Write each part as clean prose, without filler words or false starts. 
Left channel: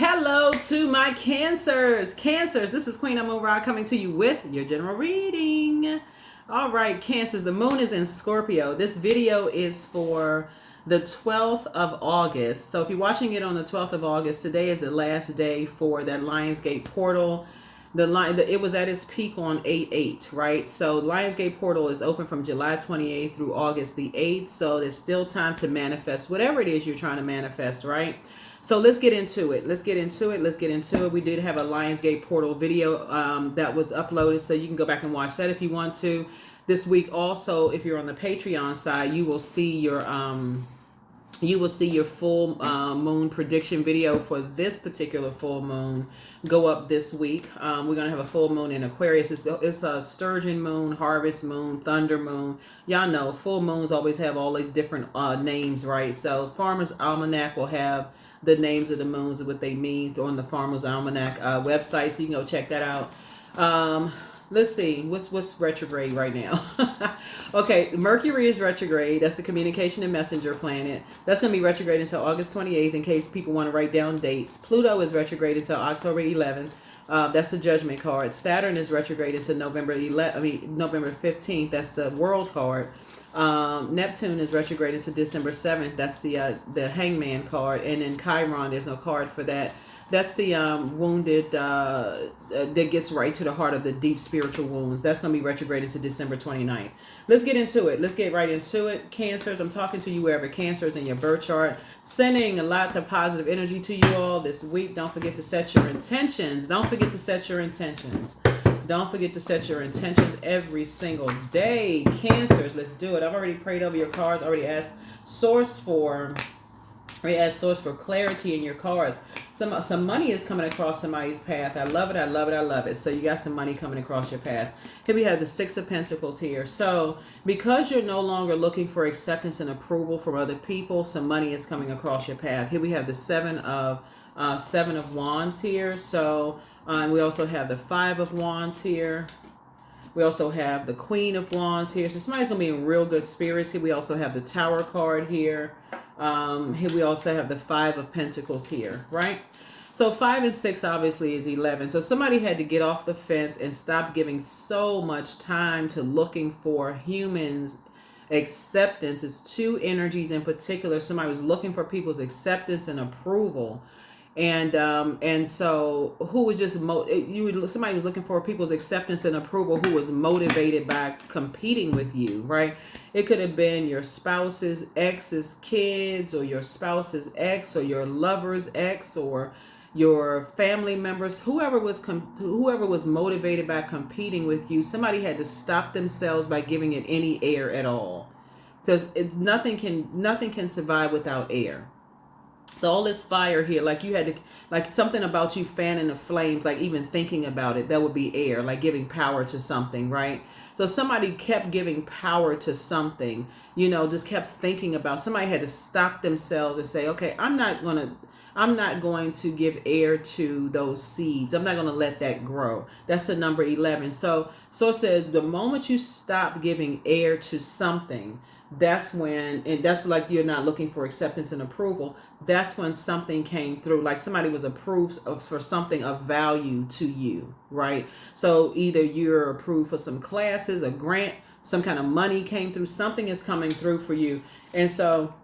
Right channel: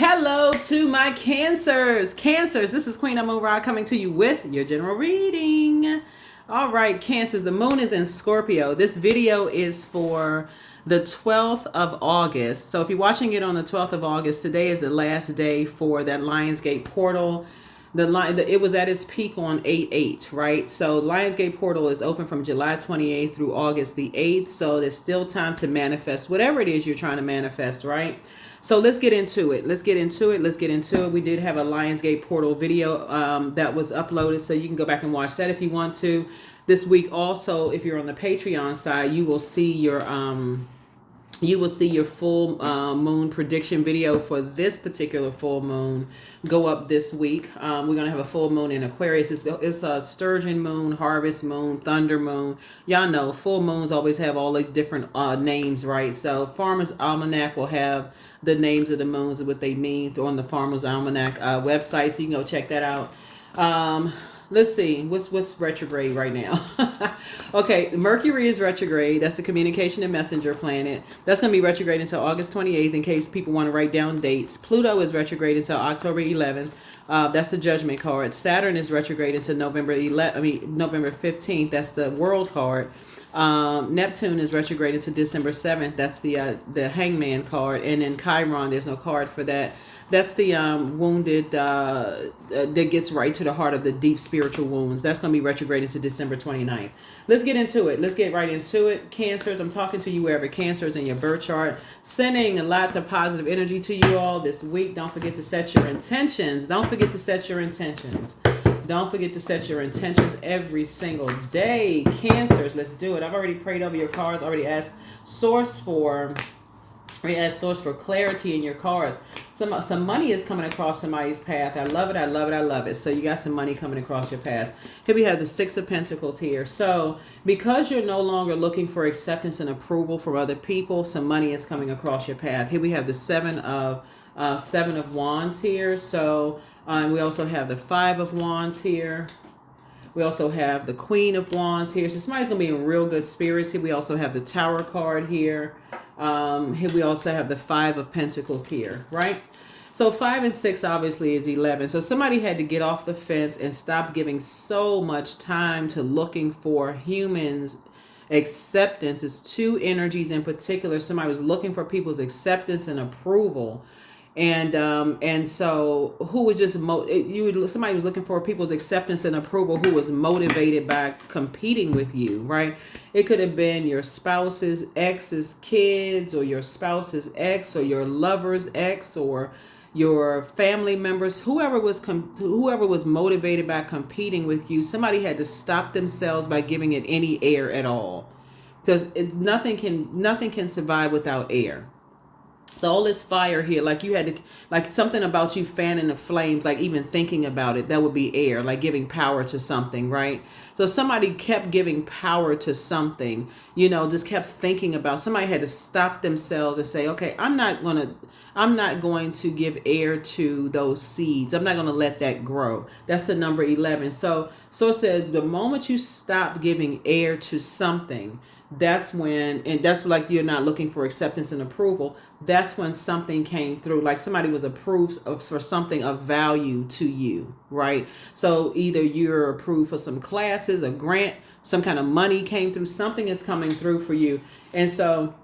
Hello to my Cancers. Cancers, this is Queen Amun Ra coming to you with your general reading. All right, Cancers, the moon is in Scorpio. This video is for the 12th of August. So if you're watching it on the 12th of August, today is the last day for that Lionsgate portal. It was at its peak on 8/8, right? So Lionsgate portal is open from July 28th through August the 8th. So there's still time to manifest whatever it is you're trying to manifest, right? So let's get into it. We did have a Lionsgate portal video that was uploaded, so you can go back and watch that if you want to. This week also, if you're on the Patreon side, you will see your full moon prediction video for this particular full moon go up this week. We're going to have a full moon in Aquarius. It's a sturgeon moon, harvest moon, thunder moon. Y'all know full moons always have all these different names, right? So Farmer's Almanac will have the names of the moons and what they mean on the Farmer's Almanac website, so you can go check that out. Let's see, what's retrograde right now? Okay, Mercury is retrograde. That's the communication and messenger planet. That's going to be retrograde until August 28th in case people want to write down dates. Pluto is retrograde until October 11th. That's the judgment card. Saturn is retrograde until November 15th. That's the world card. Neptune is retrograde until December 7th. That's the hangman card. And then Chiron, there's no card for that. That's the wounded that gets right to the heart of the deep spiritual wounds. That's going to be retrograde into December 29th. Let's get into it. Let's get right into it. Cancers, I'm talking to you wherever Cancer is in your birth chart. Sending lots of positive energy to you all this week. Don't forget to set your intentions. Don't forget to set your intentions every single day. Cancers, let's do it. I've already prayed over your cards. Already asked Source for clarity in your cards. Some money is coming across somebody's path. I love it. So you got some money coming across your path. Here we have the Six of Pentacles here. So because you're no longer looking for acceptance and approval from other people, some money is coming across your path. Here we have the Seven of Wands here. So we also have the Five of Wands here. We also have the Queen of Wands here. So somebody's going to be in real good spirits here. We also have the Tower card here. Here we also have the Five of Pentacles here, right? So 5 and 6 obviously is 11. So somebody had to get off the fence and stop giving so much time to looking for humans' acceptance. It's two energies in particular. Somebody was looking for people's acceptance and approval. And so who was just somebody was looking for people's acceptance and approval who was motivated by competing with you, right? It could have been your spouse's ex's kids, or your spouse's ex, or your lover's ex, or your family members. Whoever was motivated by competing with you, somebody had to stop themselves by giving it any air at all, because nothing can survive without air. So all this fire here, like you had to, like something about you fanning the flames, like even thinking about it, that would be air, like giving power to something, right? So somebody kept giving power to something, just kept thinking about, somebody had to stop themselves and say, okay, I'm not going to give air to those seeds. I'm not going to let that grow. That's the number 11. So it said the moment you stop giving air to something, that's when, and that's like you're not looking for acceptance and approval. That's when something came through, like somebody was approved for something of value to you, right? So either you're approved for some classes, a grant, some kind of money came through, something is coming through for you. And so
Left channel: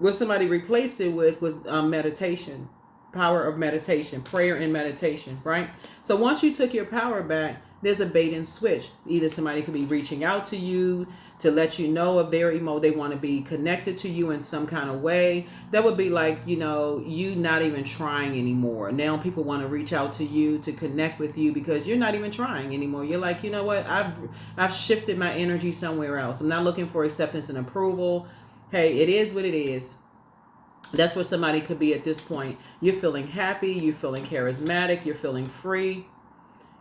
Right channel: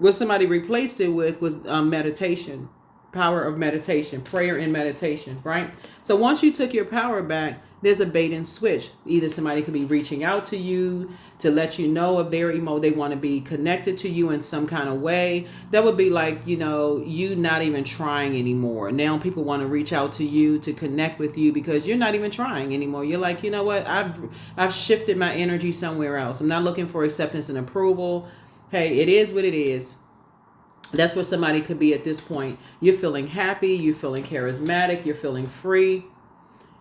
what somebody replaced it with was meditation, power of meditation, prayer and meditation, right? So once you took your power back, there's a bait and switch. Either somebody could be reaching out to you to let you know of their they want to be connected to you in some kind of way. That would be like, you not even trying anymore. Now people want to reach out to you to connect with you because you're not even trying anymore. You're like, you know what? I've shifted my energy somewhere else. I'm not looking for acceptance and approval. Hey, it is what it is. That's where somebody could be at this point. You're feeling happy. You're feeling charismatic. You're feeling free.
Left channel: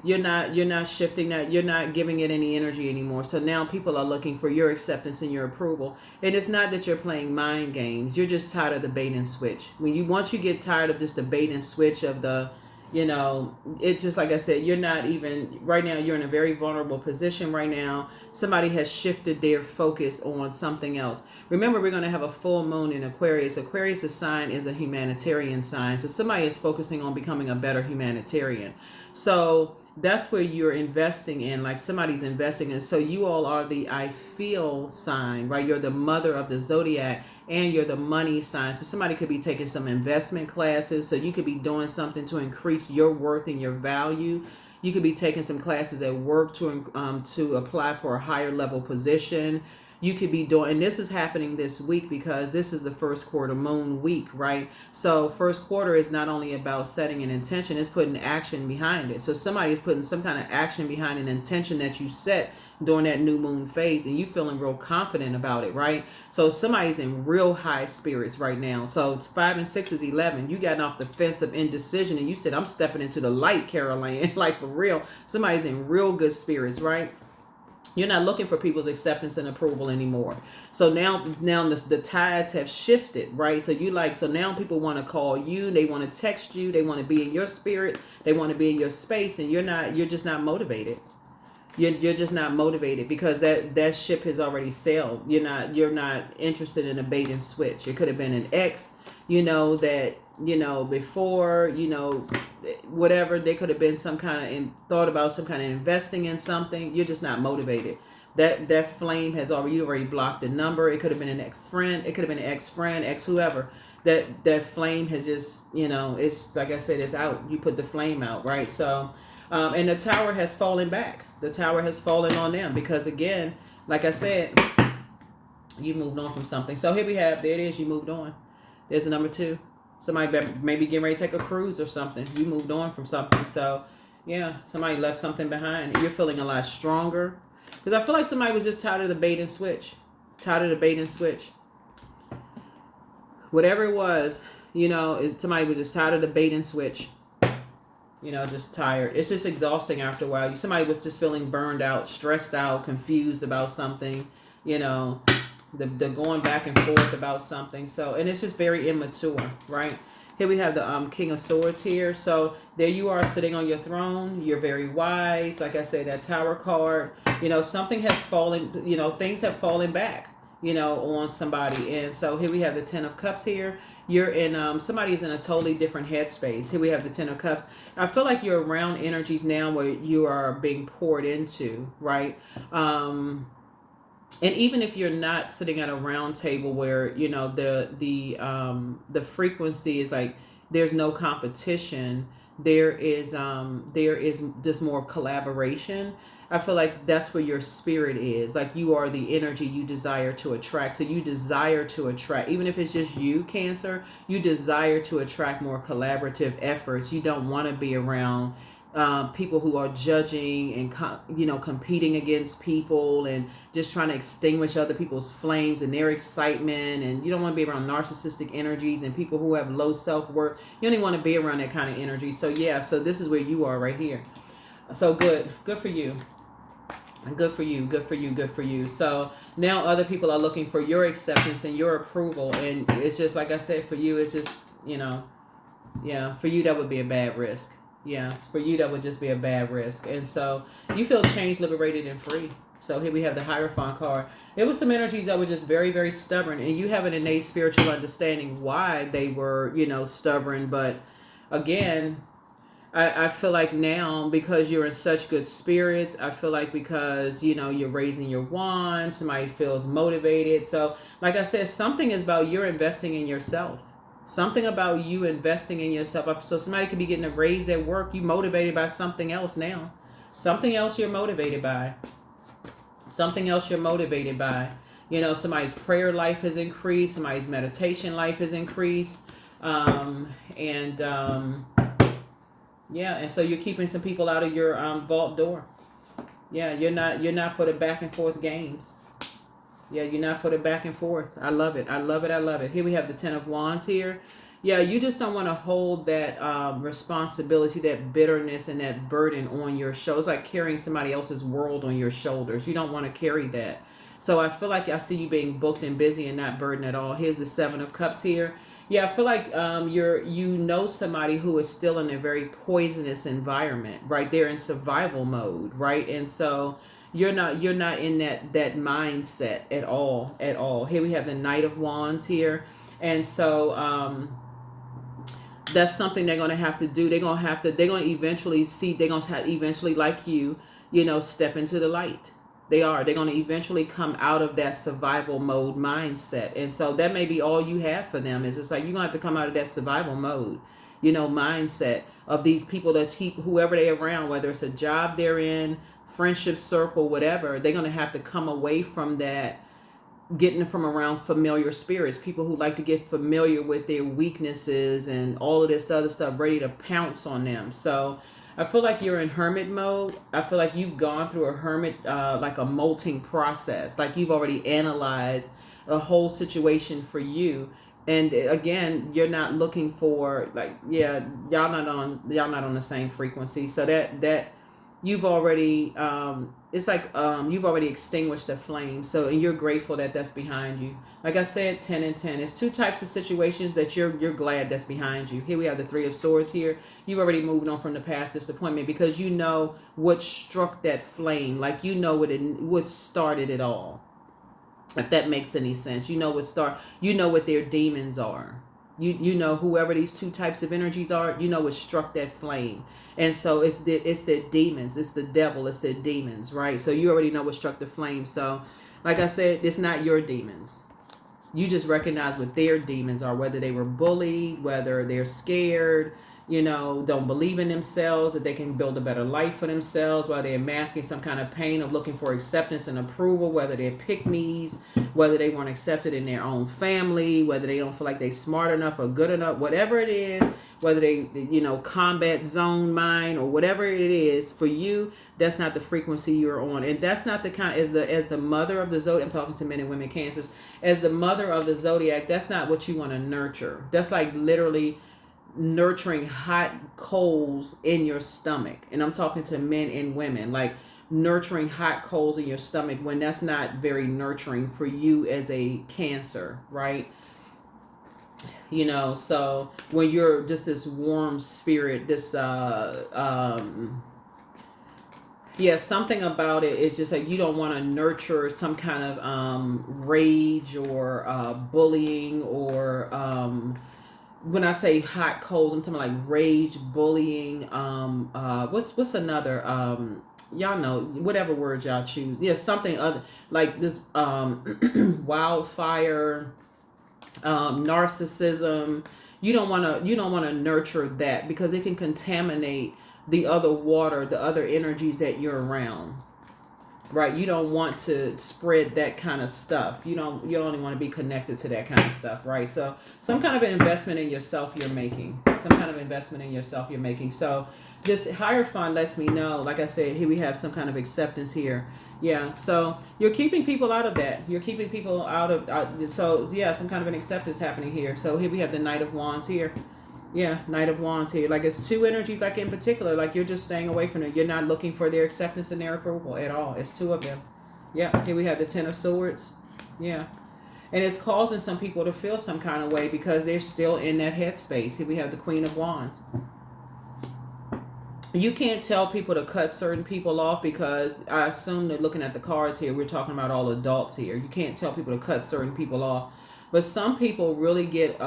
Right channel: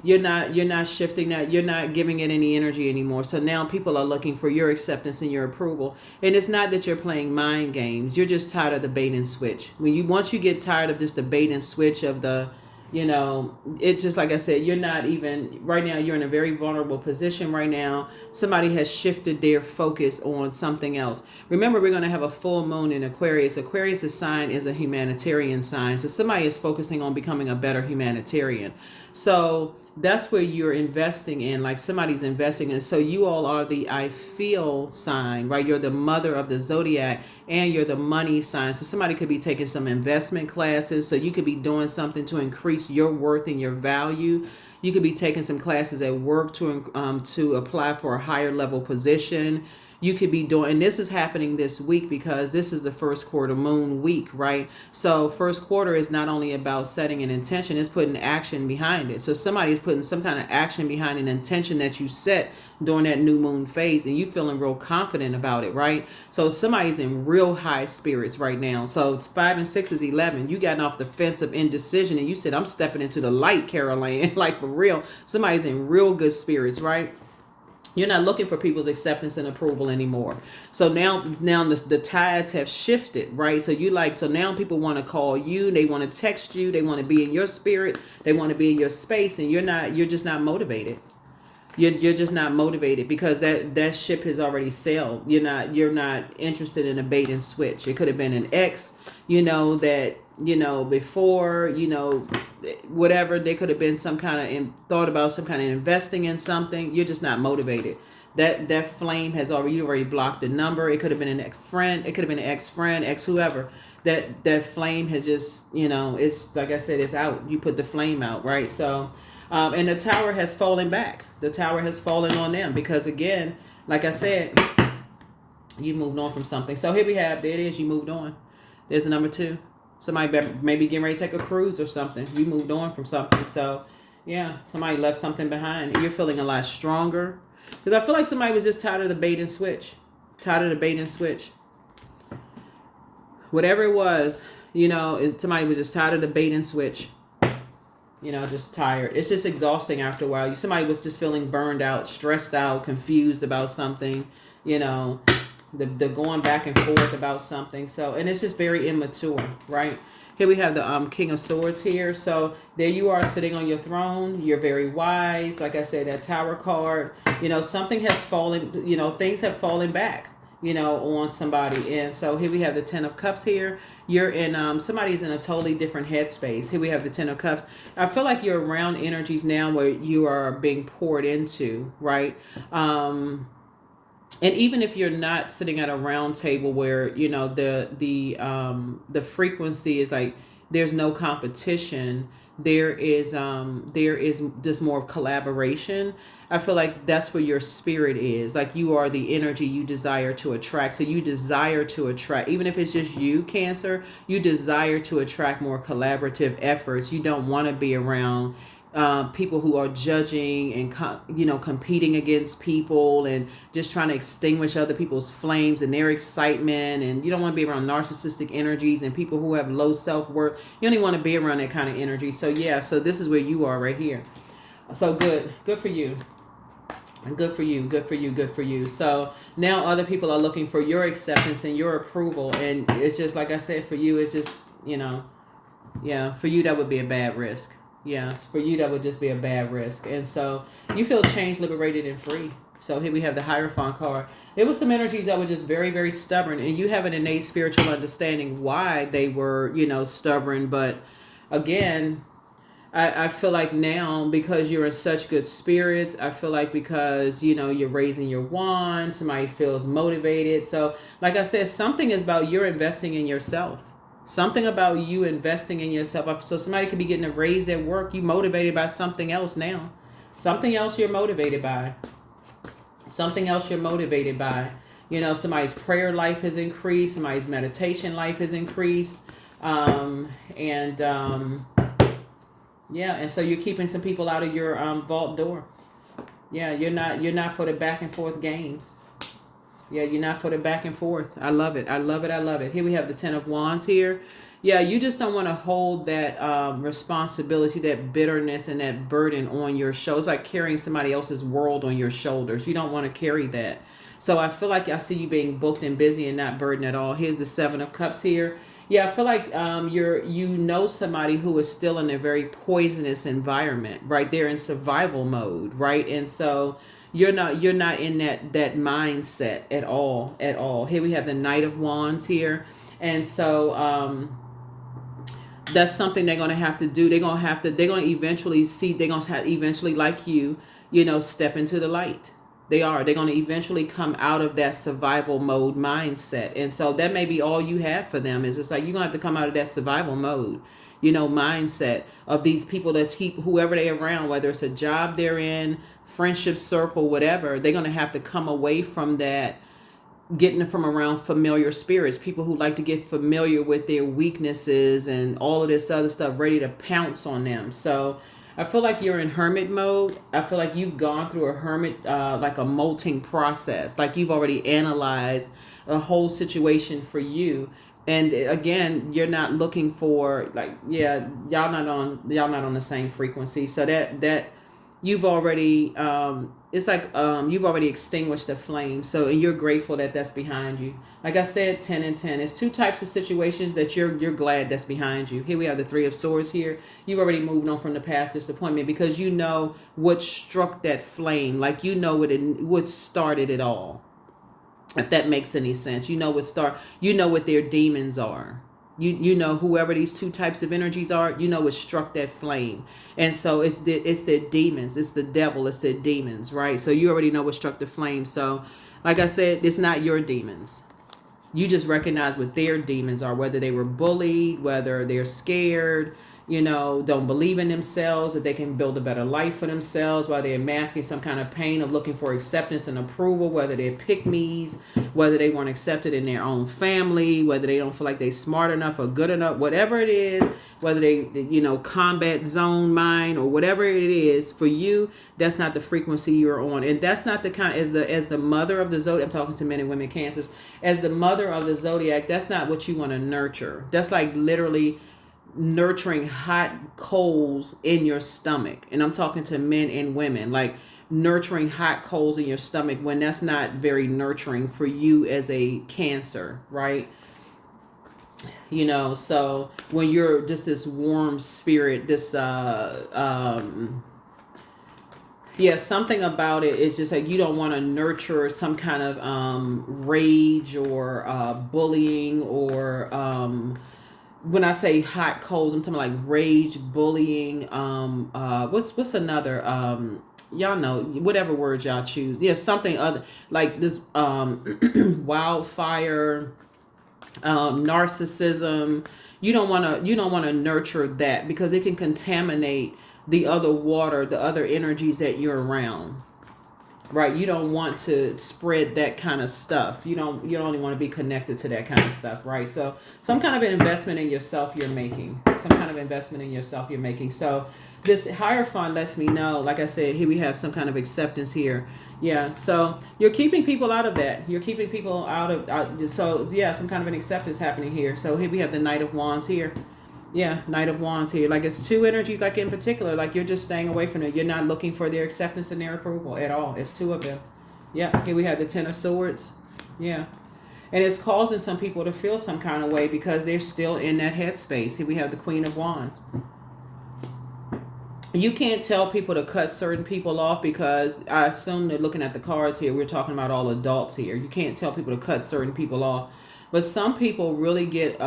You're not shifting that. You're not giving it any energy anymore. So now people are looking for your acceptance and your approval. And it's not that you're playing mind games. You're just tired of the bait and switch. Once you get tired of just the bait and switch of the You know, it's just like I said, you're not even right now, you're in a very vulnerable position right now. Somebody has shifted their focus on something else. Remember, we're going to have a full moon in Aquarius. Aquarius' sign is a humanitarian sign. So somebody is focusing on becoming a better humanitarian. So that's where you're investing in, like somebody's investing in. So you all are the I feel sign, right? You're the mother of the zodiac, and you're the money sign. So somebody could be taking some investment classes. So you could be doing something to increase your worth and your value. You could be taking some classes at work to apply for a higher level position. You could be doing, and this is happening this week because this is the first quarter moon week, right? So first quarter is not only about setting an intention, it's putting action behind it. So somebody is putting some kind of action behind an intention that you set during that new moon phase, and you feeling real confident about it, right? So somebody's in real high spirits right now. So it's 5 and 6 is 11. You gotten off the fence of indecision and you said, I'm stepping into the light, Caroline. Like for real. Somebody's in real good spirits, right? You're not looking for people's acceptance and approval anymore. So now the tides have shifted, right? So now people want to call you, they want to text you, they want to be in your spirit, they want to be in your space, and you're just not motivated. You're just not motivated because that ship has already sailed. You're not interested in a bait and switch. It could have been an ex, that before, whatever. They could have been some kind of thought about some kind of investing in something. You're just not motivated. That flame has already blocked the number. It could have been an ex friend. It could have been an ex friend, ex whoever. That flame has just, it's like I said, it's out. You put the flame out, right? So, and the tower has fallen back. The tower has fallen on them because, again, like I said, you moved on from something. So here we have, there it is, you moved on. There's a number 2. Somebody maybe getting ready to take a cruise or something. You moved on from something. So, yeah, somebody left something behind. You're feeling a lot stronger. Because I feel like somebody was just tired of the bait and switch. Tired of the bait and switch. Whatever it was, somebody was just tired of the bait and switch. Just tired. It's just exhausting after a while. Somebody was just feeling burned out, stressed out, confused about something, the going back and forth about something. So, and it's just very immature, right? Here we have the King of Swords here. So there you are sitting on your throne. You're very wise. Like I said, that Tower card, something has fallen, things have fallen back, on somebody. And so here we have the 10 of Cups here. You're in, somebody's in a totally different headspace. Here we have the 10 of Cups. I feel like you're around energies now where you are being poured into, right? And even if you're not sitting at a round table where, the frequency is like, there's no competition. There is just more collaboration. I feel like that's where your spirit is. Like you are the energy you desire to attract. So you desire to attract, even if it's just you, Cancer, you desire to attract more collaborative efforts. You don't want to be around people who are judging and, competing against people and just trying to extinguish other people's flames and their excitement. And you don't want to be around narcissistic energies and people who have low self-worth. You don't even want to be around that kind of energy. So yeah, so this is where you are right here. So good for you. Good for you, good for you, good for you. So now other people are looking for your acceptance and your approval. And it's just, like I said, for you, it's just, for you, that would be a bad risk. Yeah, for you, that would just be a bad risk. And so you feel changed, liberated, and free. So here we have the Hierophant card. There was some energies that were just very, very stubborn. And you have an innate spiritual understanding why they were, stubborn. But again, I feel like now, because you're in such good spirits, I feel like because, you're raising your wand, somebody feels motivated. So, like I said, something is about you're investing in yourself. Something about you investing in yourself. So somebody could be getting a raise at work. You motivated by something else now. Something else you're motivated by. Something else you're motivated by. Somebody's prayer life has increased. Somebody's meditation life has increased. Yeah, and so you're keeping some people out of your vault door. Yeah, you're not for the back and forth games. Yeah, you're not for the back and forth. I love it. I love it. I love it. Here we have the 10 of Wands here. Yeah, you just don't want to hold that responsibility, that bitterness, and that burden on your shoulders. It's like carrying somebody else's world on your shoulders. You don't want to carry that. So I feel like I see you being booked and busy and not burdened at all. Here's the 7 of Cups here. Yeah, I feel like you know somebody who is still in a very poisonous environment, right? They're in survival mode, right? And so you're not in that mindset at all, at all. Here we have the Knight of Wands here. And so that's something they're gonna have to do. They're gonna eventually see, they're gonna have eventually, like you know, step into the light. They're gonna eventually come out of that survival mode mindset. And so that may be all you have for them, is it's like you're gonna have to come out of that survival mode, you know, mindset of these people that keep whoever they're around, whether it's a job they're in, friendship circle, whatever. They're gonna have to come away from that, getting from around familiar spirits, people who like to get familiar with their weaknesses and all of this other stuff, ready to pounce on them. So I feel like you're in hermit mode. I feel like you've gone through a hermit, like a molting process, like you've already analyzed a whole situation for you. And again, you're not looking for, like, yeah, y'all not on the same frequency. So that you've already it's like you've already extinguished the flame. So, and you're grateful that that's behind you. Like I said, 10 and 10. It's two types of situations that you're glad that's behind you. Here we have the Three of Swords here. You've already moved on from the past disappointment, because you know what struck that flame. Like, you know what started it all. If that makes any sense. You know what their demons are. You know, whoever these two types of energies are, you know what struck that flame. And so it's their demons, it's the devil, it's their demons, right? So you already know what struck the flame. So like I said, it's not your demons. You just recognize what their demons are, whether they were bullied, whether they're scared, you know, don't believe in themselves, that they can build a better life for themselves, while they're masking some kind of pain of looking for acceptance and approval, whether they're pick-me's, whether they weren't accepted in their own family, whether they don't feel like they're smart enough or good enough, whatever it is, whether they, you know, combat zone mind or whatever it is for you, that's not the frequency you're on. And that's not the kind, as the mother of the zodiac, I'm talking to men and women Cancers, as the mother of the zodiac, that's not what you want to nurture. That's like literally nurturing hot coals in your stomach. And I'm talking to men and women, like nurturing hot coals in your stomach, when that's not very nurturing for you as a Cancer, right? You know, so when you're just this warm spirit, this yeah, something about it is just like you don't want to nurture some kind of rage or bullying, or when I say hot coals, I'm talking like rage, bullying, what's another, y'all know, whatever word y'all choose. Yeah, something other like this, wildfire, narcissism. You don't want to nurture that, because it can contaminate the other water, the other energies that you're around. Right, you don't want to spread that kind of stuff. You don't only want to be connected to that kind of stuff, right? So some kind of an investment in yourself you're making. Some kind of investment in yourself you're making. So this Hierophant lets me know, like I said, here we have some kind of acceptance here. Yeah, so you're keeping people out of that. You're keeping people so yeah, some kind of an acceptance happening here. So here we have the Knight of Wands here. Yeah, Knight of Wands here. Like, it's two energies, like in particular, like you're just staying away from them. You're not looking for their acceptance and their approval at all. It's two of them. Yeah, here we have the Ten of Swords. Yeah. And it's causing some people to feel some kind of way because they're still in that headspace. Here we have the Queen of Wands. You can't tell people to cut certain people off, because I assume that looking at the cards here, we're talking about all adults here. You can't tell people to cut certain people off. But some people really get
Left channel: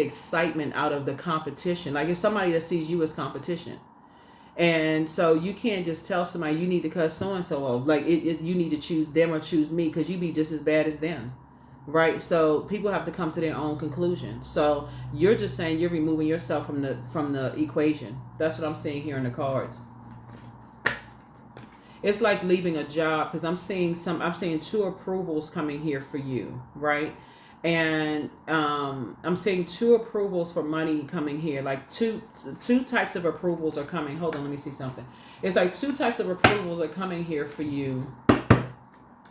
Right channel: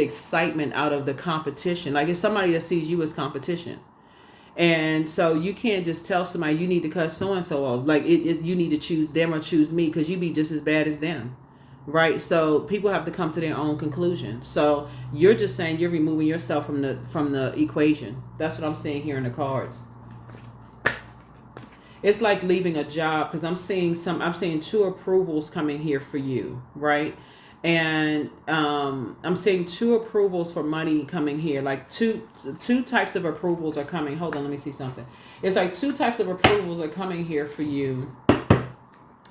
excitement out of the competition. Like, it's somebody that sees you as competition. And so you can't just tell somebody you need to cut so-and-so off. Like, you need to choose them or choose me, because you be just as bad as them. Right? So people have to come to their own conclusion. So you're just saying you're removing yourself from the equation. That's what I'm seeing here in the cards. It's like leaving a job, because I'm seeing two approvals coming here for you, right? And I'm seeing two approvals for money coming here. Like two types of approvals are coming. Hold on, let me see something. It's like two types of approvals are coming here for you.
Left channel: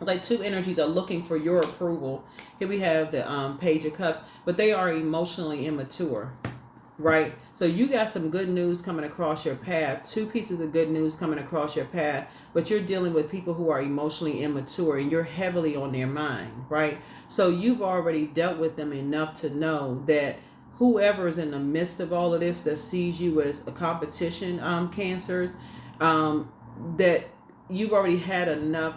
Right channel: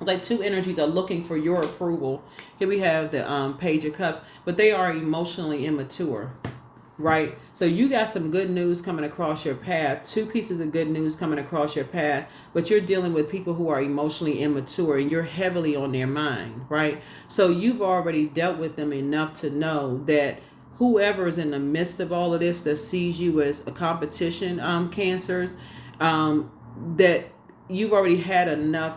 Like two energies are looking for your approval. Here we have the Page of Cups, but they are emotionally immature, right? So you got some good news coming across your path. Two pieces of good news coming across your path, but you're dealing with people who are emotionally immature, and you're heavily on their mind, right? So you've already dealt with them enough to know that whoever is in the midst of all of this that sees you as a competition, cancers, that you've already had enough,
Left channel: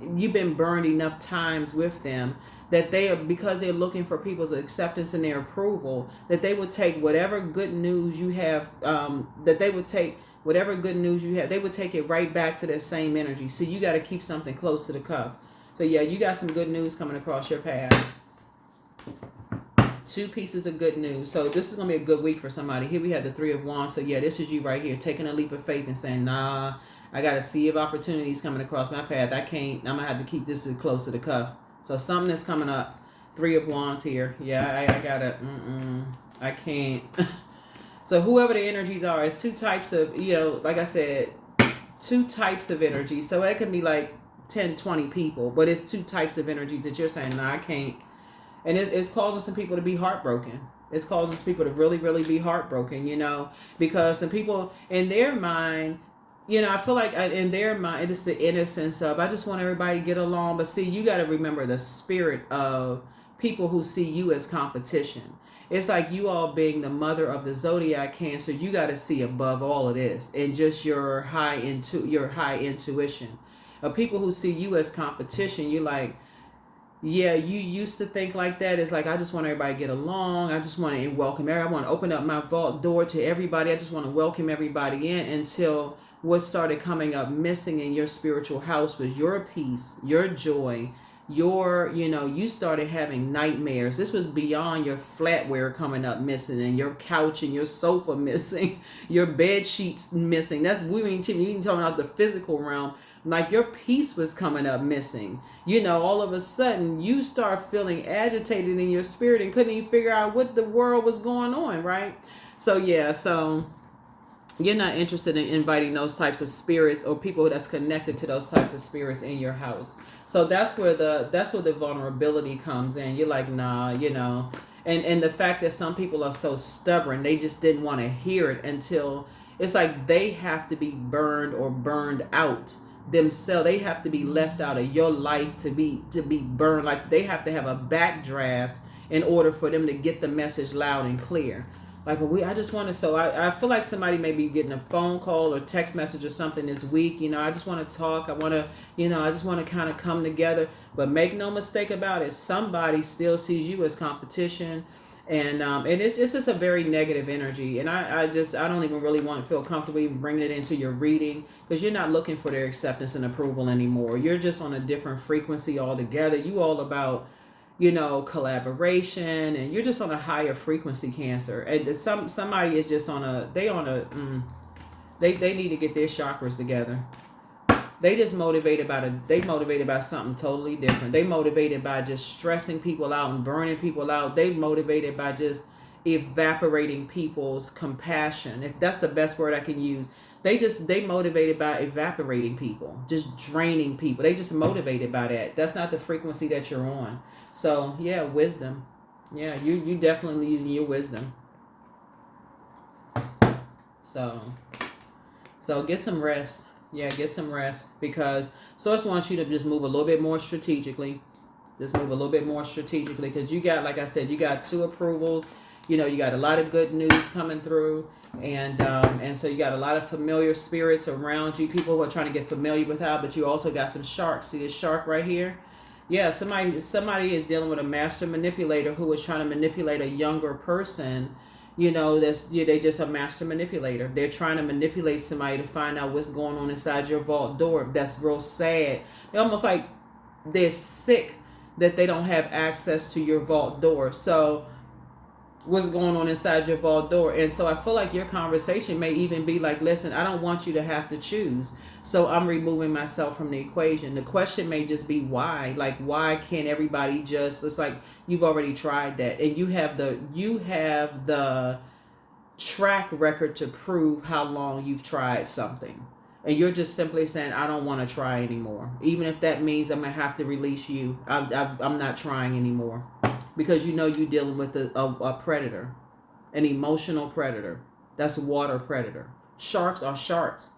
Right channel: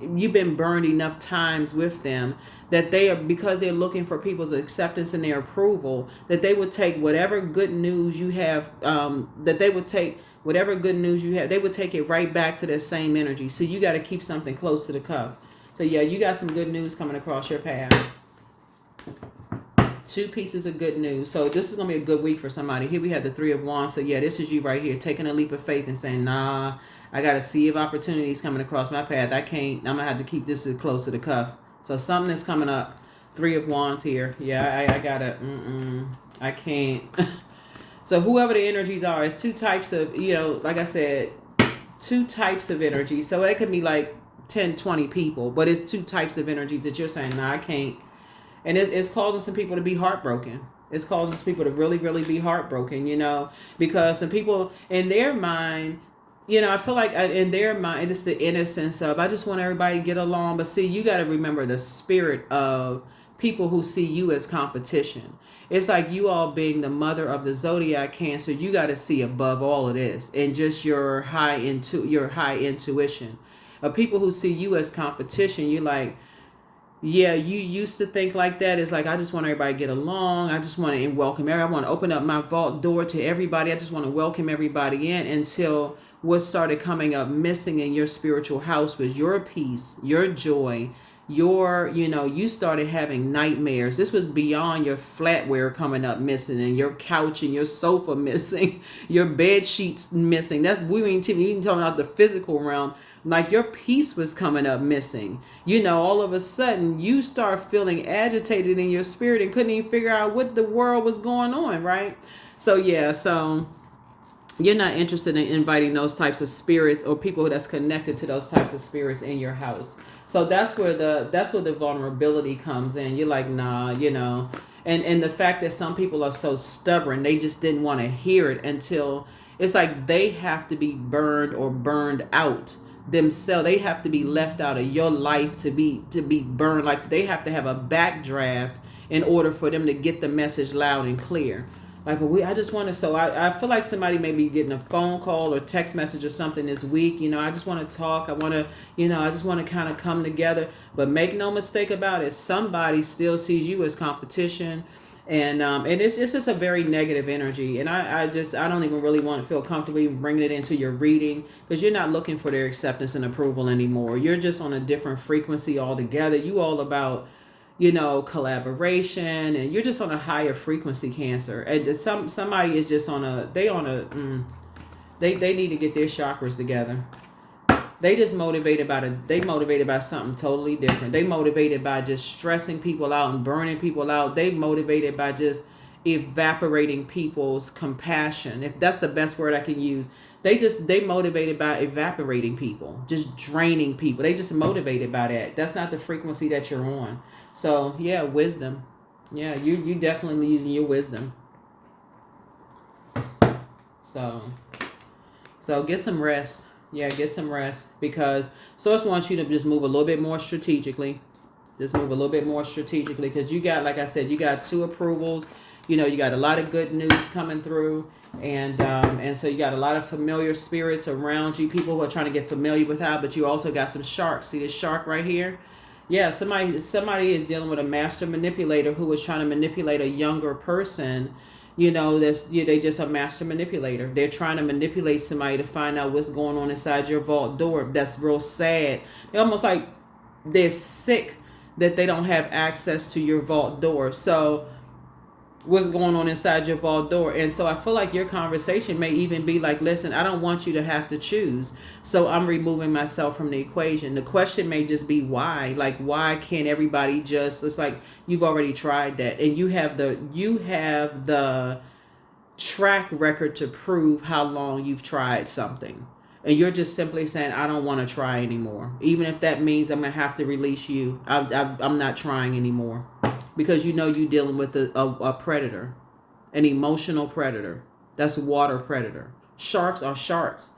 you've been burned enough times with them, that they are, because they're looking for people's acceptance and their approval, that they would take whatever good news you have, that they would take whatever good news you have, they would take it right back to that same energy. So you got to keep something close to the cuff. So yeah, you got some good news coming across your path. 2 pieces of good news. So this is going to be a good week for somebody. Here we have the 3 of Wands. So yeah, this is you right here, taking a leap of faith and saying, nah, I got a sea of opportunities coming across my path. I'm going to have to keep this close to the cuff. So something is coming up. 3 of Wands here. Yeah, I got to, I can't. So whoever the energies are, it's 2 types of, like I said, 2 types of energy. So it could be like 10, 20 people, but it's 2 types of energies that you're saying, nah, I can't. And it's causing some people to be heartbroken. It's causing some people to really, really be heartbroken, because some people in their mind, I feel like in their mind, it's the innocence of, I just want everybody to get along. But see, you got to remember the spirit of people who see you as competition. It's like you all being the mother of the zodiac Cancer, you got to see above all of this and just your high intuition. Of people who see you as competition, you're like, yeah, you used to think like that. It's like, I just want everybody to get along. I just want to welcome everybody. I want to open up my vault door to everybody. I just want to welcome everybody in, until what started coming up missing in your spiritual house was your peace, your joy, you started having nightmares. This was beyond your flatware coming up missing, and your couch and your sofa missing, your bed sheets missing. We ain't even talking about the physical realm. Like your peace was coming up missing. All of a sudden you start feeling agitated in your spirit and couldn't even figure out what the world was going on, right? So yeah, so you're not interested in inviting those types of spirits or people that's connected to those types of spirits in your house. So that's where the vulnerability comes in. You're like, nah, and the fact that some people are so stubborn, they just didn't want to hear it until it's like they have to be burned or burned out themselves. They have to be left out of your life to be burned. Like they have to have a backdraft in order for them to get the message loud and clear. Like I just want to. So I feel like somebody may be getting a phone call or text message or something this week. I just want to talk. I want to. I just want to kind of come together. But make no mistake about it, somebody still sees you as competition. And it's just a very negative energy. And I don't even really want to feel comfortable even bringing it into your reading, because you're not looking for their acceptance and approval anymore. You're just on a different frequency altogether. You all about, collaboration, and you're just on a higher frequency, Cancer. And somebody is just they need to get their chakras together. They just motivated by something totally different. They motivated by just stressing people out and burning people out. They motivated by just evaporating people's compassion. If that's the best word I can use. They motivated by evaporating people, just draining people. They just motivated by that. That's not the frequency that you're on. So yeah, wisdom. Yeah, you definitely need your wisdom. So get some rest. Yeah, get some rest, because Source wants you to just move a little bit more strategically. Just move a little bit more strategically, because you got, like I said, you got 2 approvals. You got a lot of good news coming through, and so you got a lot of familiar spirits around you, people who are trying to get familiar with how. But you also got some sharks. See this shark right here? Yeah, somebody is dealing with a master manipulator who is trying to manipulate a younger person. They just a master manipulator. They're trying to manipulate somebody to find out what's going on inside your vault door. That's real sad. They're almost like they're sick that they don't have access to your vault door. So what's going on inside your vault door? And so I feel like your conversation may even be like, listen, I don't want you to have to choose. So I'm removing myself from the equation. The question may just be why. Like, why can't everybody just, it's like you've already tried that, and you have the track record to prove how long you've tried something. And you're just simply saying, I don't want to try anymore. Even if that means I'm going to have to release you. I'm not trying anymore. Because you're dealing with a predator. An emotional predator. That's a water predator. Sharks are sharks.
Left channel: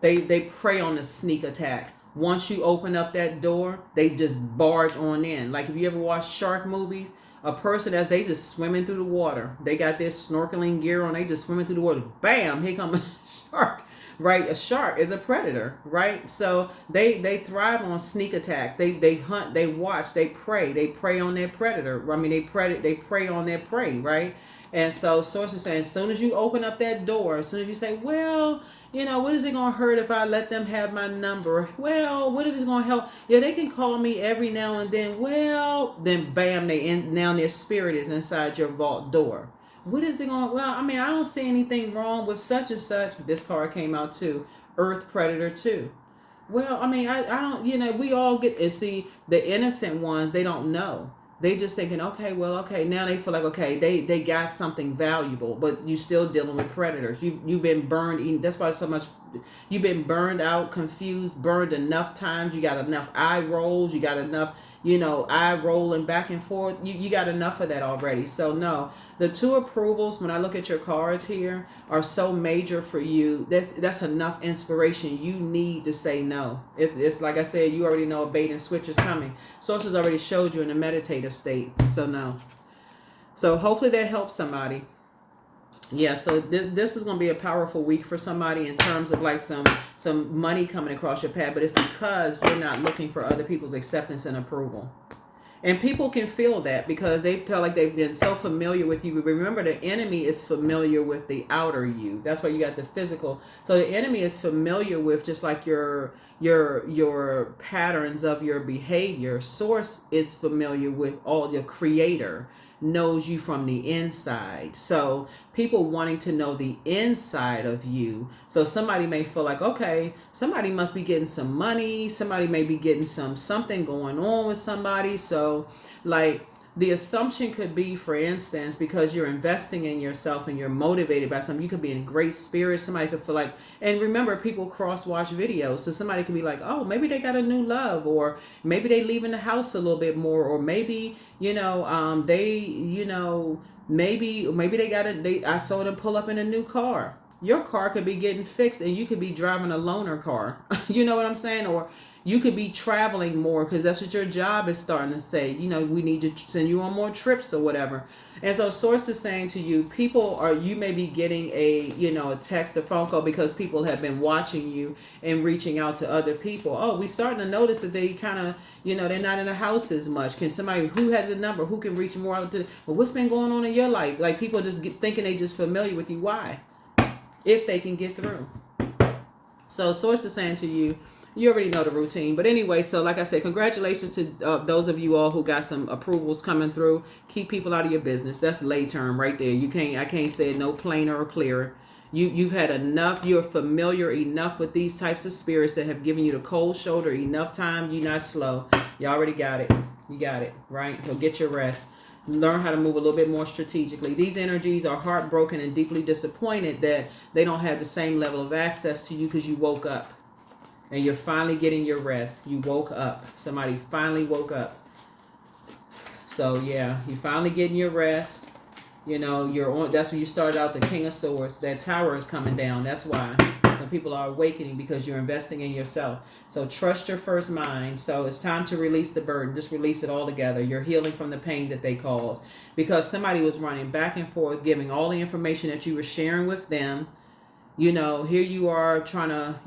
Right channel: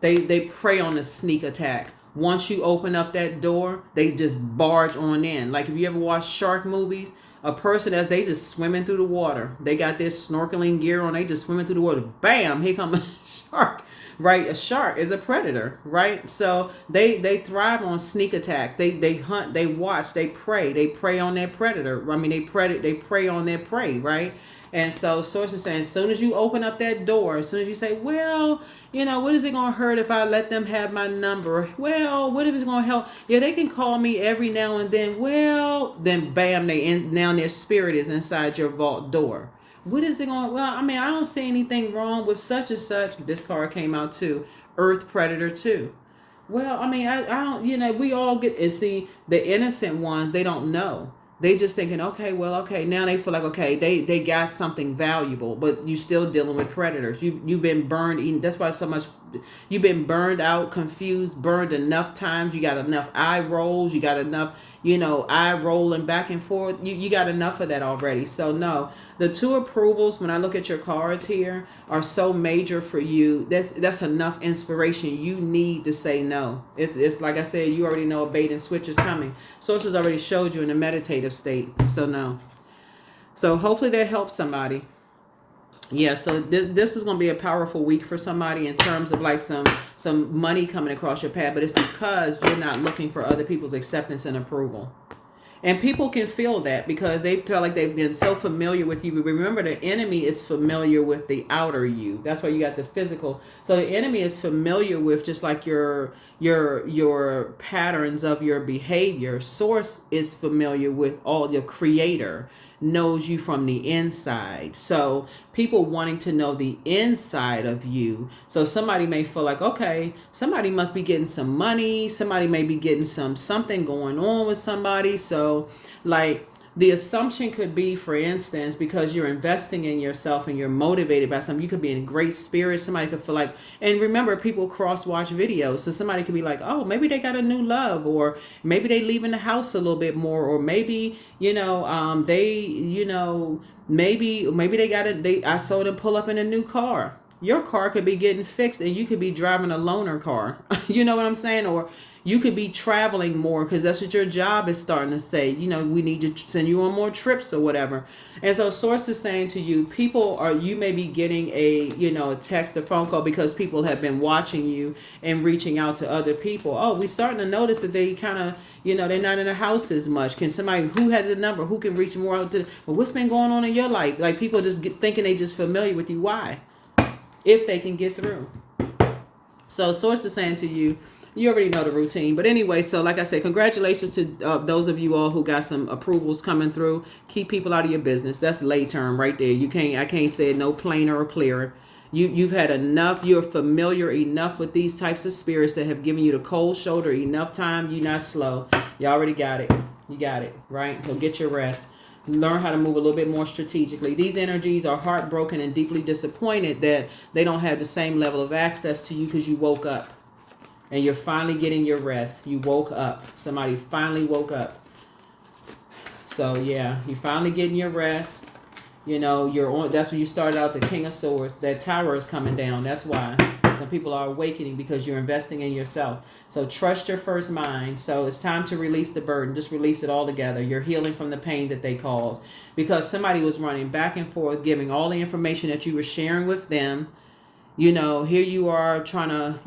They prey on the sneak attack. Once you open up that door, they just barge on in. Like if you ever watch shark movies, a person as they just swimming through the water. They got this snorkeling gear on. They just swimming through the water. Bam! Here come a shark. Right, a shark is a predator, right? So they thrive on sneak attacks. They hunt, they watch, they prey on their predator. I mean, they prey on their prey, right? And so source is saying, as soon as you open up that door, as soon as you say, well, what is it gonna hurt if I let them have my number? Well, what if it's gonna help? Yeah, they can call me every now and then. Well, then bam, now their spirit is inside your vault door. What is it going? Well, I mean, I don't see anything wrong with such and such. This card came out too. Earth Predator 2. Well, I mean, I don't, we all get, and see, the innocent ones, they don't know. They just thinking, okay, well, okay, now they feel like, okay, they got something valuable, but you still dealing with predators. You've been burned, that's why so much, you've been burned out, confused, burned enough times. You got enough eye rolls. You got enough, eye rolling back and forth. You got enough of that already. So no. The 2 approvals, when I look at your cards here, are so major for you. That's enough inspiration. You need to say no. It's like I said, you already know a bait and switch is coming. Source has already showed you in a meditative state. So no. So hopefully that helps somebody. Yeah, so this is going to be a powerful week for somebody in terms of like some money coming across your path. But it's because you're not looking for other people's acceptance and approval. And people can feel that because they feel like they've been so familiar with you. But remember, the enemy is familiar with the outer you. That's why you got the physical. So the enemy is familiar with just like your patterns of your behavior. Source is familiar with all your creator, knows you from the inside. So people wanting to know the inside of you. So somebody may feel like, okay, somebody must be getting some money. Somebody may be getting something going on with somebody. So like the assumption could be, for instance, because you're investing in yourself and you're motivated by something, you could be in great spirits. Somebody could feel like, and remember, people cross-watch videos. So somebody could be like, oh, maybe they got a new love, or maybe they leaving the house a little bit more, or maybe, maybe they got I saw them pull up in a new car. Your car could be getting fixed and you could be driving a loaner car. You know what I'm saying? Or you could be traveling more because that's what your job is starting to say. We need to send you on more trips or whatever. And so source is saying to you, you may be getting a text or phone call because people have been watching you and reaching out to other people. Oh, we starting to notice that they kind of, they're not in the house as much. Can somebody, who has a number, who can reach more out to, well, what's been going on in your life? Like people just thinking they just familiar with you. Why? If they can get through. So source is saying to you, you already know the routine. But anyway, so like I said, congratulations to those of you all who got some approvals coming through. Keep people out of your business. That's lay term right there. I can't say it no plainer or clearer. You've had enough. You're familiar enough with these types of spirits that have given you the cold shoulder enough time. You're not slow. You already got it. You got it, right? So get your rest. Learn how to move a little bit more strategically. These energies are heartbroken and deeply disappointed that they don't have the same level of access to you because you woke up. And you're finally getting your rest. You woke up. Somebody finally woke up. So yeah, you finally getting your rest. You're on. That's when you started out. The King of Swords. That tower is coming down. That's why some people are awakening, because you're investing in yourself. So trust your first mind. So it's time to release the burden. Just release it all together. You're healing from the pain that they caused, because somebody was running back and forth, giving all the information that you were sharing with them. Here you are trying to,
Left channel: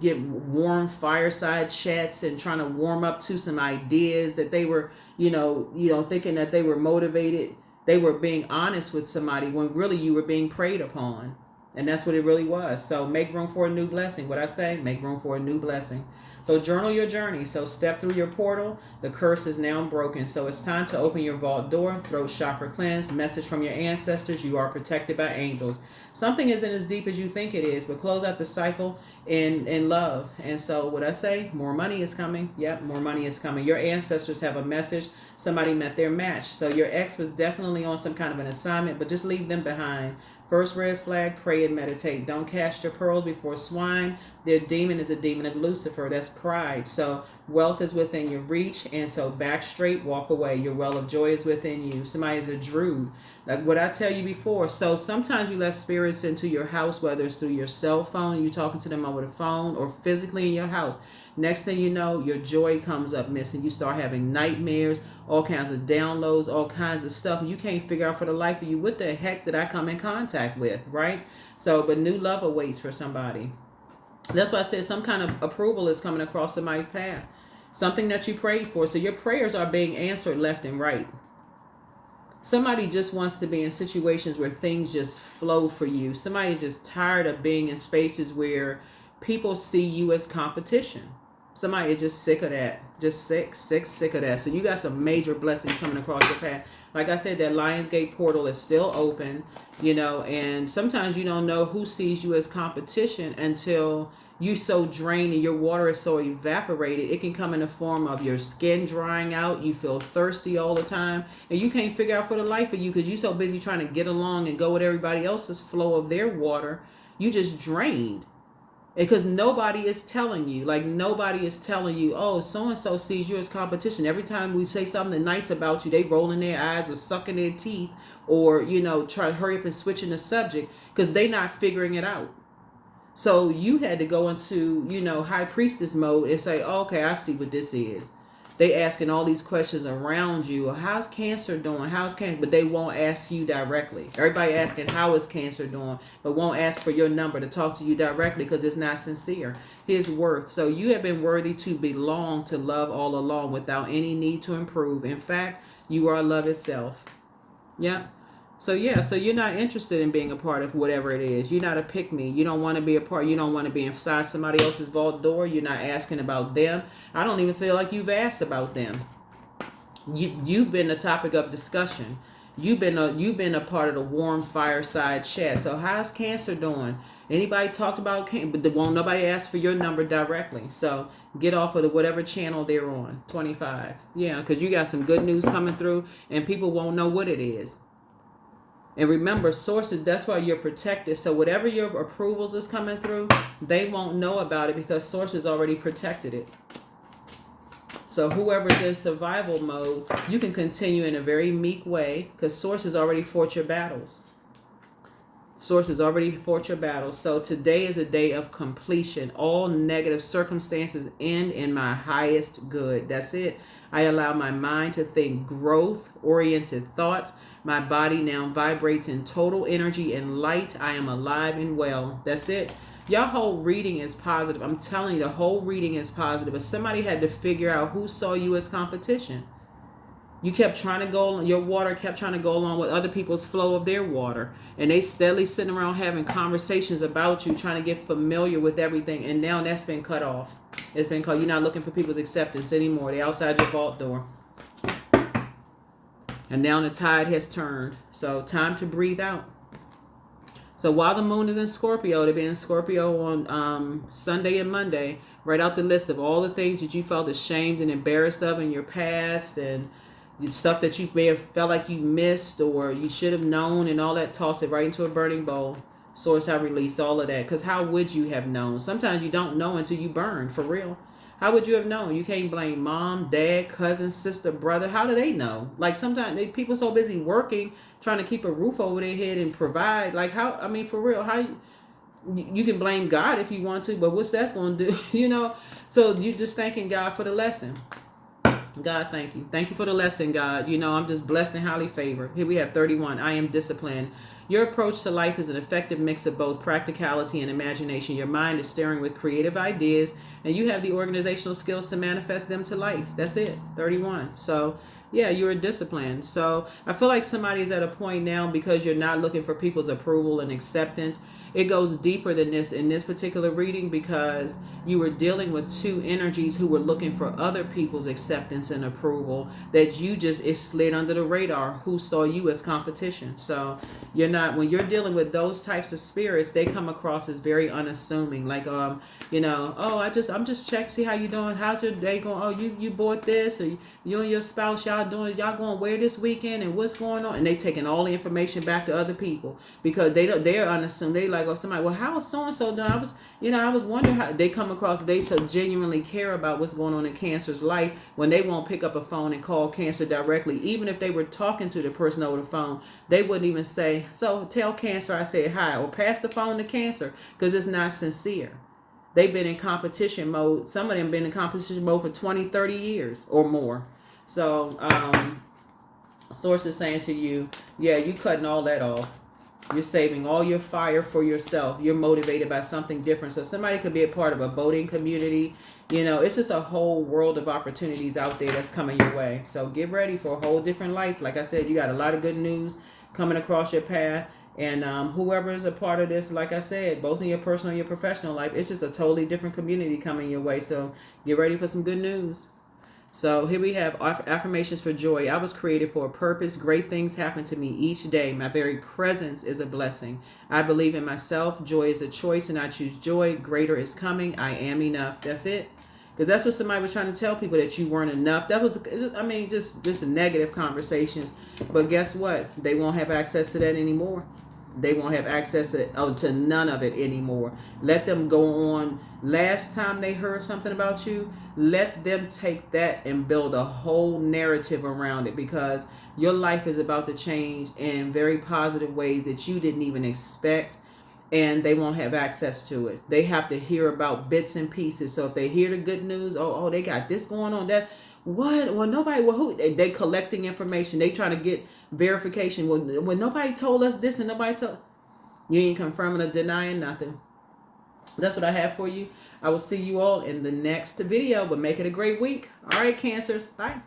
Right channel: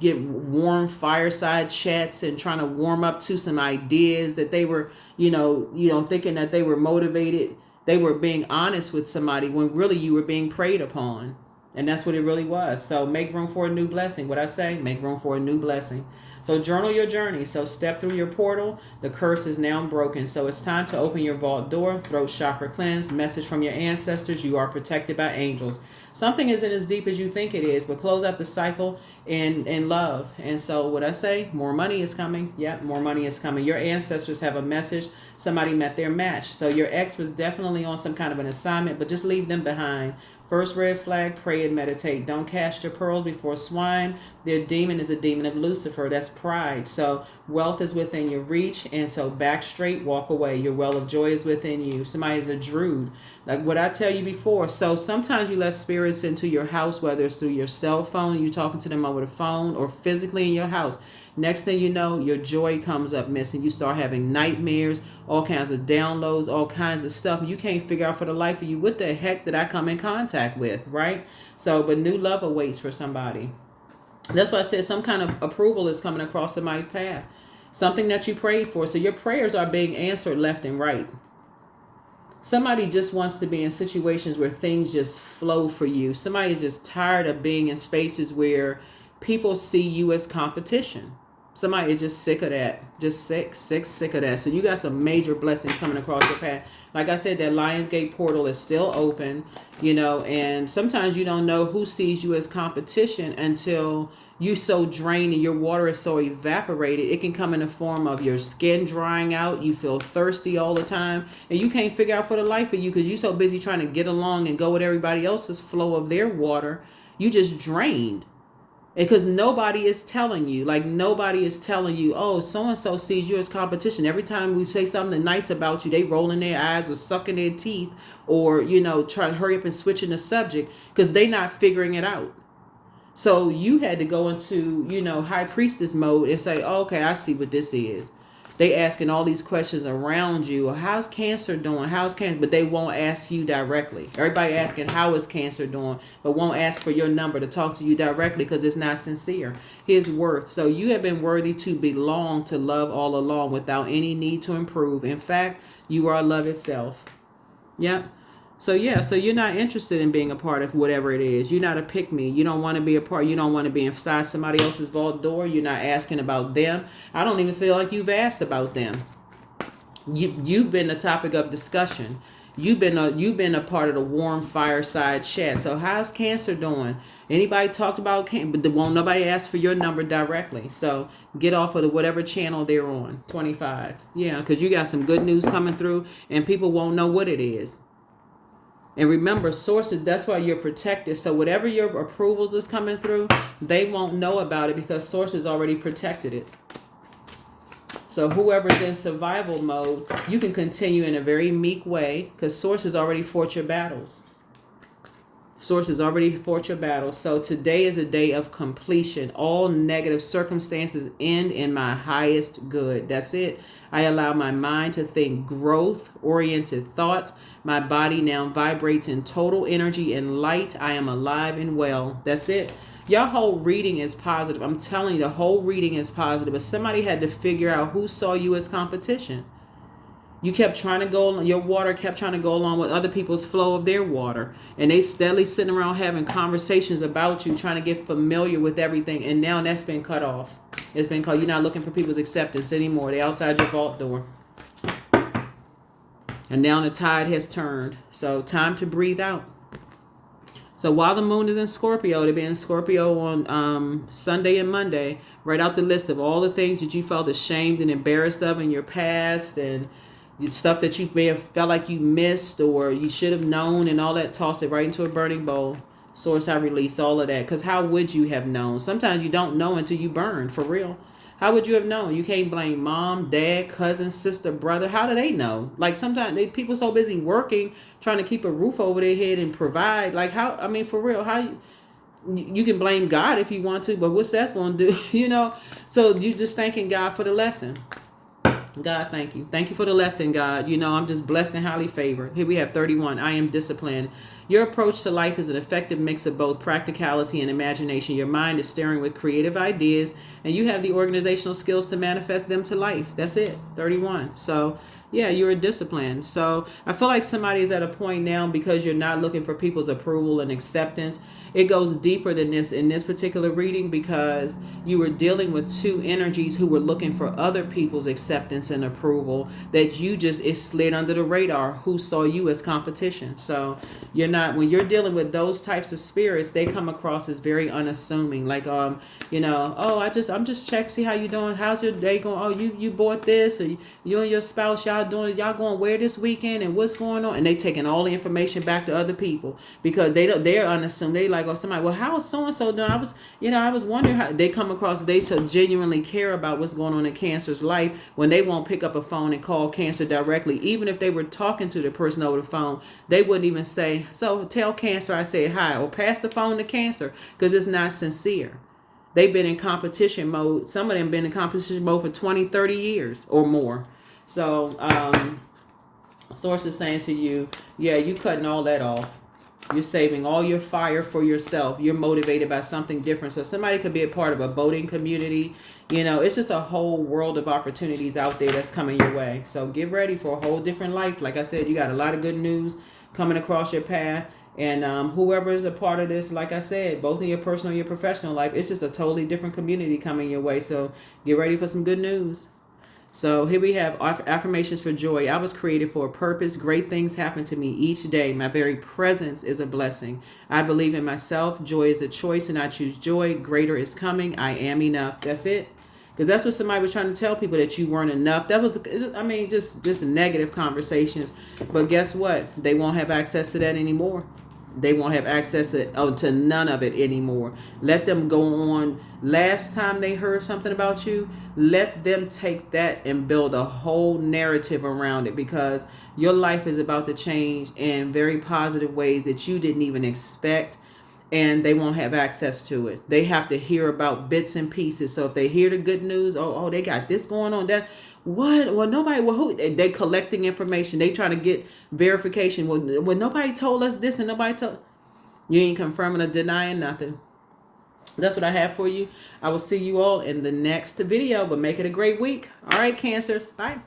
get warm fireside chats and trying to warm up to some ideas that they were, thinking that they were motivated. They were being honest with somebody when really you were being preyed upon. And that's what it really was. So make room for a new blessing. What I say, make room for a new blessing. So journal your journey. So step through your portal. The curse is now broken. So it's time to open your vault door. Throat chakra cleanse. Message from your ancestors. You are protected by angels. Something isn't as deep as you think it is, but close out the cycle in love. And so what I say, more money is coming. Yep, more money is coming. Your ancestors have a message. Somebody met their match. So your ex was definitely on some kind of an assignment, but just leave them behind. First red flag, pray and meditate. Don't cast your pearls before swine. Their demon is a demon of Lucifer. That's pride. So wealth is within your reach. And so back straight, walk away. Your well of joy is within you. Somebody is a druid. Like what I tell you before. So sometimes you let spirits into your house, whether it's through your cell phone, you talking to them over the phone, or physically in your house. Next thing you know, your joy comes up missing. You start having nightmares, all kinds of downloads, all kinds of stuff. And you can't figure out for the life of you, what the heck did I come in contact with, right? So, but new love awaits for somebody. That's why I said some kind of approval is coming across somebody's path. Something that you prayed for. So your prayers are being answered left and right. Somebody just wants to be in situations where things just flow for you. Somebody's just tired of being in spaces where people see you as competition. Somebody is just sick of that. Just sick of that. So you got some major blessings coming across your path. Like I said, that Lionsgate portal is still open, and sometimes you don't know who sees you as competition until you so drained and your water is so evaporated. It can come in the form of your skin drying out. You feel thirsty all the time, and you can't figure out for the life of you because you're so busy trying to get along and go with everybody else's flow of their water. You just drained. Because nobody is telling you, oh, so-and-so sees you as competition. Every time we say something nice about you, they rolling their eyes or sucking their teeth or, try to hurry up and switching the subject because they not figuring it out. So you had to go into, high priestess mode and say, oh, okay, I see what this is. They asking all these questions around you. How's Cancer doing? But they won't ask you directly. Everybody asking how is Cancer doing, but won't ask for your number to talk to you directly because it's not sincere. His worth. So you have been worthy to belong to love all along without any need to improve. In fact, you are love itself. Yeah. So you're not interested in being a part of whatever it is. You're not a pick-me. You don't want to be a part. You don't want to be inside somebody else's vault door. You're not asking about them. I don't even feel like you've asked about them. You've been the topic of discussion. You've been a part of the warm fireside chat. So how's Cancer doing? Anybody talked about Cancer? But won't nobody ask for your number directly. So get off of whatever channel they're on. 25. Yeah, because you got some good news coming through, and people won't know what it is. And remember, sources, that's why you're protected. So whatever your approvals is coming through, they won't know about it because sources already protected it. So whoever's in survival mode, you can continue in a very meek way because sources already fought your battles. Sources already fought your battles. So today is a day of completion. All negative circumstances end in my highest good. That's it. I allow my mind to think growth-oriented thoughts. My body now vibrates in total energy and light. I am alive and well. That's it. Your whole reading is positive. I'm telling you, the whole reading is positive. But somebody had to figure out who saw you as competition. You kept trying to go, your water kept trying to go along with other people's flow of their water. And they steadily sitting around having conversations about you, trying to get familiar with everything. And now that's been cut off. It's been called, you're not looking for people's acceptance anymore. They're outside your vault door. And now the tide has turned. So time to breathe out. So while the moon is in Scorpio, they've been in Scorpio on Sunday and Monday. Write out the list of all the things that you felt ashamed and embarrassed of in your past and the stuff that you may have felt like you missed or you should have known and all that. Toss it right into a burning bowl. Source, I release all of that. Because how would you have known? Sometimes you don't know until you burn, for real. How would you have known? You can't blame mom, dad, cousin, sister, brother. How do they know? Like sometimes people so busy working, trying to keep a roof over their head and provide. Like how, I mean, for real, how you can blame God if you want to, but what's that going to do? So you just thanking God for the lesson. God, thank you. Thank you for the lesson, God. I'm just blessed and highly favored. Here we have 31. I am disciplined. Your approach to life is an effective mix of both practicality and imagination. Your mind is staring with creative ideas, and you have the organizational skills to manifest them to life. That's it. 31. So, yeah, you're disciplined. So I feel like somebody's at a point now because you're not looking for people's approval and acceptance. It goes deeper than this in this particular reading because you were dealing with two energies who were looking for other people's acceptance and approval that it slid under the radar, who saw you as competition. So you're not, when you're dealing with those types of spirits, they come across as very unassuming. Like, oh, I'm just checking, see how you doing. How's your day going? Oh, you bought this, or you and your spouse, y'all going where this weekend and what's going on? And they taking all the information back to other people because they're unassuming. They like, oh, somebody, well, how is so-and-so doing? I was wondering how they come across. They so genuinely care about what's going on in Cancer's life when they won't pick up a phone and call Cancer directly. Even if they were talking to the person over the phone, they wouldn't even say, so tell Cancer I said hi, or pass the phone to Cancer, because it's not sincere. They've been in competition mode. Some of them been in competition mode for 20, 30 years or more. So, source is saying to you, yeah, you cutting all that off. You're saving all your fire for yourself. You're motivated by something different. So somebody could be a part of a boating community. You know, it's just a whole world of opportunities out there that's coming your way. So get ready for a whole different life. Like I said, you got a lot of good news coming across your path. And whoever is a part of this, like I said, both in your personal and your professional life, it's just a totally different community coming your way. So get ready for some good news. So here we have affirmations for joy. I was created for a purpose. Great things happen to me each day. My very presence is a blessing. I believe in myself. Joy is a choice and I choose joy. Greater is coming. I am enough. That's it. Because that's what somebody was trying to tell people, that you weren't enough. That was, I mean, just negative conversations. But guess what? They won't have access to that anymore. They won't have access to none of it anymore. Let them go on. Last time they heard something about you, let them take that and build a whole narrative around it, because your life is about to change in very positive ways that you didn't even expect, and they won't have access to it. They have to hear about bits and pieces. So if they hear the good news, oh, they got this going on, that, what? Well, nobody, well, who? They collecting information. They trying to get verification. Well, nobody told us this and nobody told. You ain't confirming or denying nothing. That's what I have for you. I will see you all in the next video, but make it a great week. All right, Cancers. Bye.